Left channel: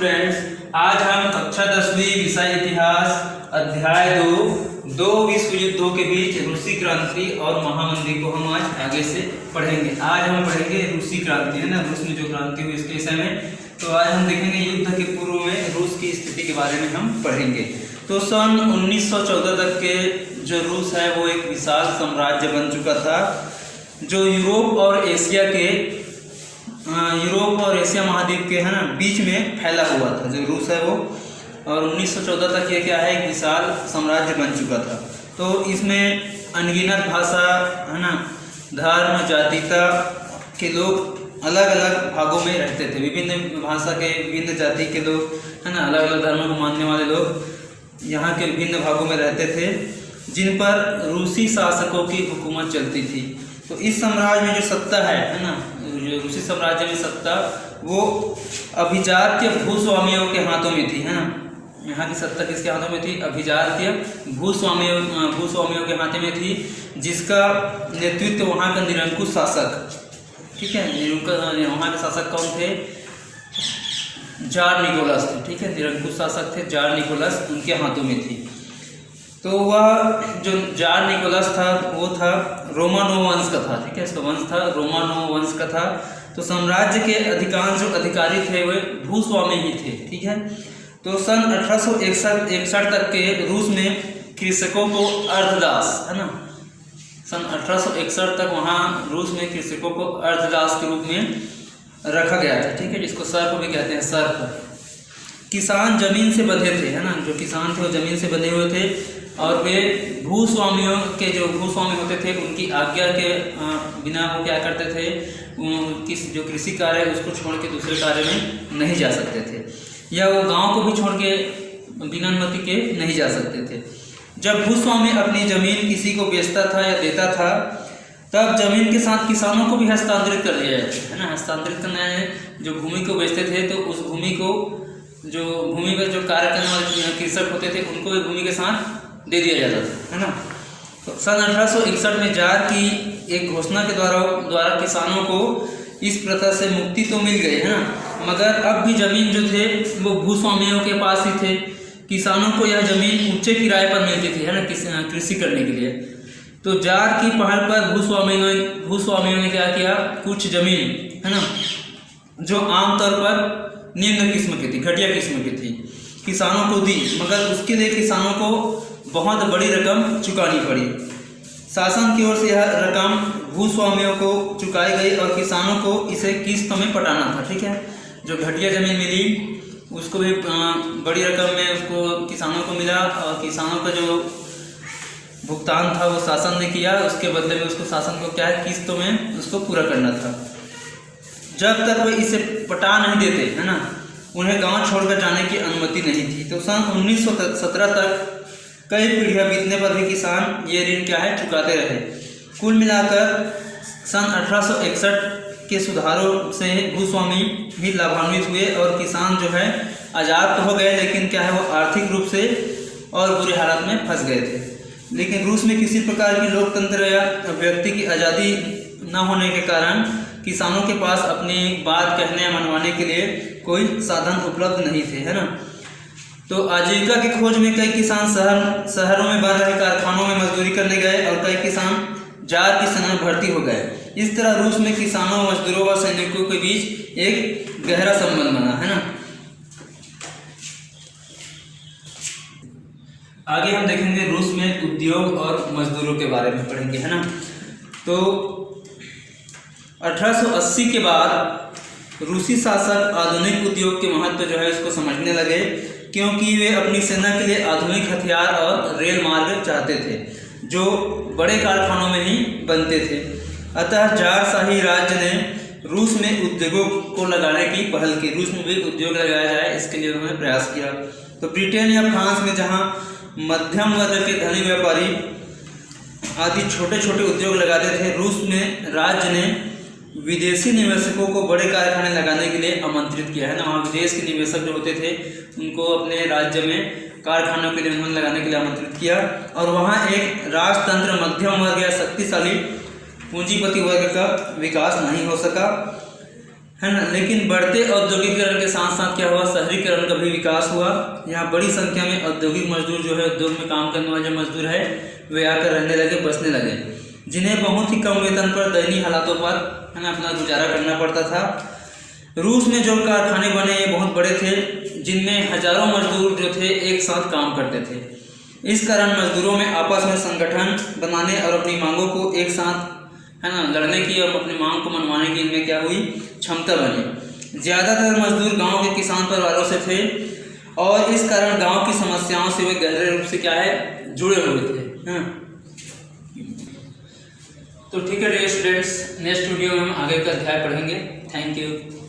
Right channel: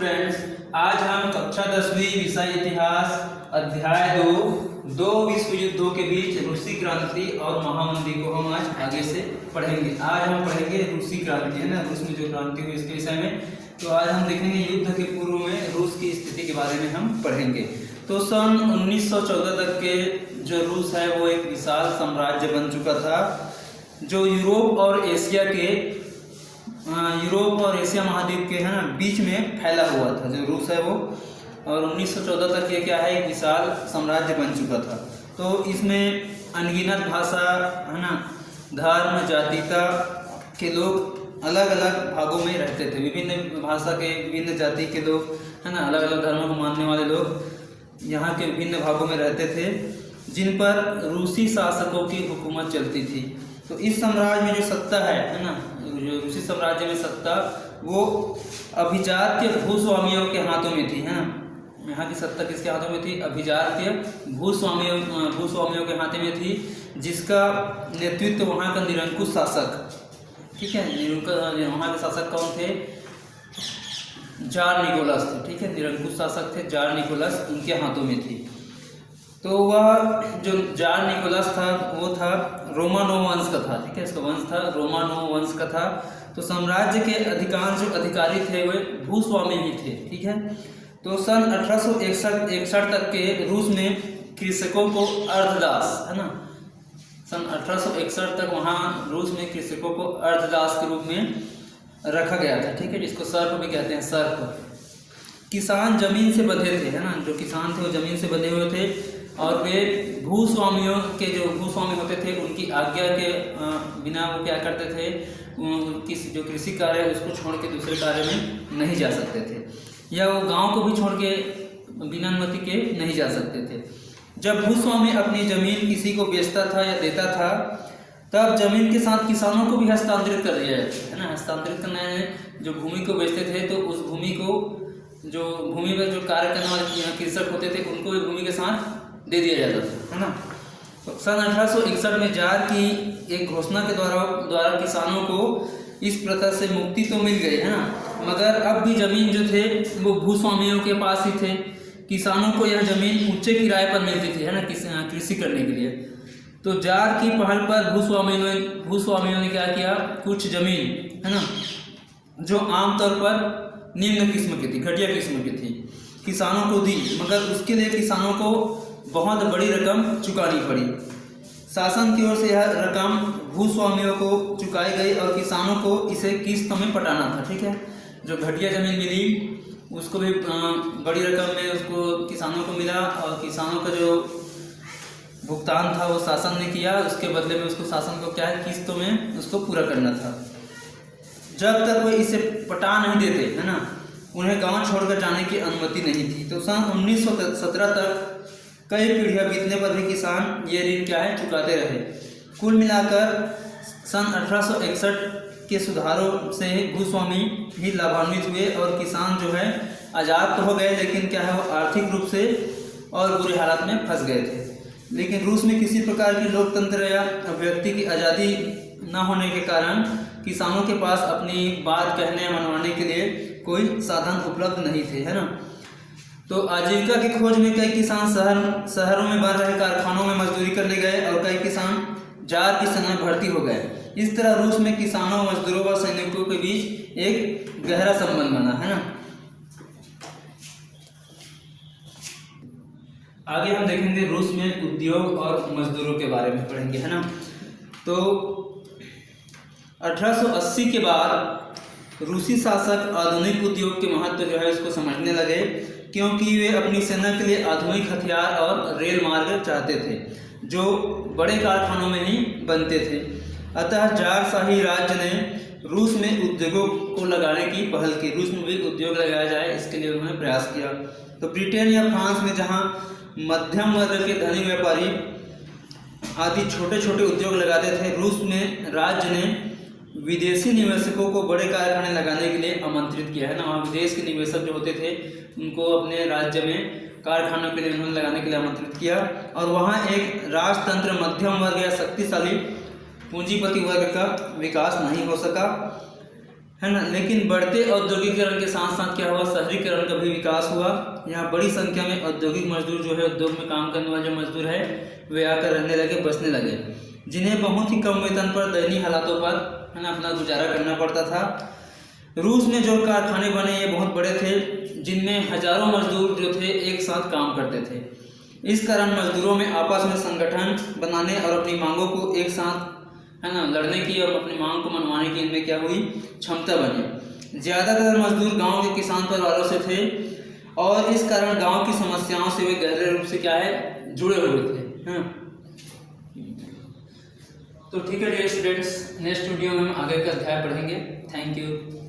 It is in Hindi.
स्टूडेंट्स, आज हम कक्षा 10वीं विषय इतिहास अध्याय 2 विश्व युद्धों के बीच रूसी क्रांति और महामंदी को हम आज आगे से पढ़ेंगे। आज हम पढ़ेंगे रूसी क्रांति, है ना, रूस में जो क्रांति हुई इसके विषय में। तो आज हम देखेंगे युद्ध के पूर्व में रूस की स्थिति के बारे में हम पढ़ेंगे। तो सन 1914 तक के जो रूस है वो एक विशाल साम्राज्य बन चुका था, जो यूरोप और एशिया महाद्वीप के, है ना, बीच में फैला हुआ था जो रूस है वो। और 1914 तक ये क्या है, एक विशाल साम्राज्य बन चुका था। तो इसमें अनगिनत भाषा, है ना, धर्म, जातिता के लोग अलग अलग भागों में रहते थे। विभिन्न भाषा के, विभिन्न जाति के लोग, है ना, अलग अलग धर्मों को मानने वाले लोग यहाँ के विभिन्न भागों में रहते थे, जिन पर रूसी शासकों की हुकूमत चलती थी। तो इस साम्राज्य में जो सत्ता है ना, जो रूसी साम्राज्य में सत्ता वो अभिजात्य भूस्वामियों के हाथों में थी, है ना। यहाँ की सत्ता किसके हाथों में थी? अभिजात्य भूस्वामियों के हाथों में थी, जिसका नेतृत्व वहाँ का निरंकुश शासक, ठीक है, वहाँ के शासक कौन थे? जार निकोलस थे, ठीक है, निरंकुश शासक थे जार निकोलस, उनके हाथों में थी। तो वह जो जार निकोलस था वो था रोमानोव वंश का था, ठीक है, इसका वंश था रोमानोव वंश का था। तो साम्राज्य के अधिकांश जो अधिकारी थे वे भूस्वामी ही थे, ठीक है। तो सन 1861 तक के रूस में कृषकों को अर्धदास, है ना, सन 1861 तक वहाँ रूस में कृषकों को अर्धदास के रूप में रखा गया था, ठीक है, जिसको सर्प भी कहते हैं, सर्प। किसान जमीन से बंधे थे, है ना, जो किसान थे वो जमीन से बंधे हुए थे, और वे भूस्वामियों के, जो भूस्वामी होते थे, उनकी आज्ञा के बिना वो क्या करते थे, जो कृषि कार्य है उसको छोड़ के दूसरे कार्य में नहीं जा सकते थे, या वो गांव को भी छोड़ के बिना अनुमति के नहीं जा सकते थे। जब भूस्वामी अपनी जमीन किसी को बेचता था या देता था, तब जमीन के साथ किसानों को भी हस्तांतरित कर दिया जाता है ना। हस्तांतरित करना है, जो भूमि को बेचते थे तो उस भूमि को, जो भूमि पर जो कार्य करने वाले कृषक होते थे उनको भूमि के साथ दे दिया जाता था, है ना। तो सन 1861 में जार की एक घोषणा के द्वारा किसानों को इस प्रथा से मुक्ति तो मिल गई, है ना, मगर अब भी जमीन जो थे वो भूस्वामियों के पास ही थे। किसानों को यह जमीन ऊंचे किराए पर मिलती थी, है ना, कृषि करने के लिए। तो जार की पहल पर भूस्वामियों ने क्या किया, कुछ जमीन, है ना, जो आमतौर पर निम्न किस्म की थी, घटिया किस्म की थी, किसानों को दी, मगर उसके लिए किसानों को बहुत बड़ी रकम चुकानी पड़ी। शासन की ओर से यह रकम भूस्वामियों को चुकाई गई और किसानों को इसे किस्तों में पटाना था, ठीक है। जो घटिया जमीन मिली उसको भी बड़ी रकम में उसको किसानों को मिला, और किसानों का जो भुगतान था वो शासन ने किया, उसके बदले में उसको शासन को क्या है, किस्तों में उसको पूरा करना था। जब तक वे इसे पटा नहीं देते, है ना, उन्हें गांव छोड़कर जाने की अनुमति नहीं थी। तो सन 1917 तक कई पीढ़ियां बीतने पर भी किसान ये ऋण क्या है, चुकाते रहे। कुल मिलाकर सन 1861 के सुधारों से भूस्वामी भी लाभान्वित हुए और किसान जो है आज़ाद तो हो गए, लेकिन क्या है, वो आर्थिक रूप से और बुरे हालात में फंस गए थे। लेकिन रूस में किसी प्रकार की लोकतंत्र या व्यक्ति की आज़ादी न होने के कारण किसानों के पास अपनी बात कहने मनवाने के लिए कोई साधन उपलब्ध नहीं थे, है ना। तो आजीविका की खोज में कई किसान शहरों में बन रहे कारखानों में मजदूरी करने गए, और कई किसान जार की सेना में भर्ती हो गए। इस तरह रूस में किसानों, मजदूरों और सैनिकों के बीच एक गहरा संबंध बना, है ना। आगे हम देखेंगे रूस में उद्योग और मजदूरों के बारे में पढ़ेंगे, है ना। तो 1880 के बाद रूसी शासक आधुनिक उद्योग के महत्व जो है इसको समझने लगे, क्योंकि वे अपनी सेना के लिए आधुनिक हथियार और रेल मार्ग चाहते थे, जो बड़े कारखानों में ही बनते थे। अतः जार शाही राज्य ने रूस में उद्योगों को लगाने की पहल की। रूस में भी उद्योग लगाया जाए, इसके लिए उन्होंने प्रयास किया। तो ब्रिटेन या फ्रांस में जहाँ मध्यम वर्ग के धनी व्यापारी आदि छोटे छोटे उद्योग लगाते थे, रूस में राज्य ने विदेशी निवेशकों को बड़े कारखाने लगाने के लिए आमंत्रित किया, है ना। वहाँ विदेश के निवेशक जो होते थे उनको अपने राज्य में कारखानों के लिए उन्होंने लगाने के लिए आमंत्रित किया, और वहाँ एक राजतंत्र, मध्यम वर्ग या शक्तिशाली पूंजीपति वर्ग का विकास नहीं हो सका, है ना। लेकिन बढ़ते औद्योगिकरण के साथ साथ क्या हुआ, शहरीकरण विकास हुआ। यहाँ बड़ी संख्या में औद्योगिक मजदूर जो है, उद्योग में काम करने वाले मजदूर है, वे आकर रहने लगे, बसने लगे, जिन्हें बहुत ही कम वेतन पर दयनीय हालातों पर है ना अपना गुजारा करना पड़ता था। रूस में जो कारखाने बने ये बहुत बड़े थे, जिनमें हजारों मजदूर जो थे एक साथ काम करते थे। इस कारण मजदूरों में आपस में संगठन बनाने और अपनी मांगों को एक साथ है ना लड़ने की और अपनी मांग को मनवाने की इनमें क्या हुई, क्षमता बनी। ज़्यादातर मजदूर गांव के किसान परिवारों से थे और इस कारण गांव की समस्याओं से वे गहरे रूप से क्या है, जुड़े हुए थे। तो ठीक है डियर स्टूडेंट्स, नेक्स्ट वीडियो में हम आगे का अध्याय पढ़ेंगे। Thank you.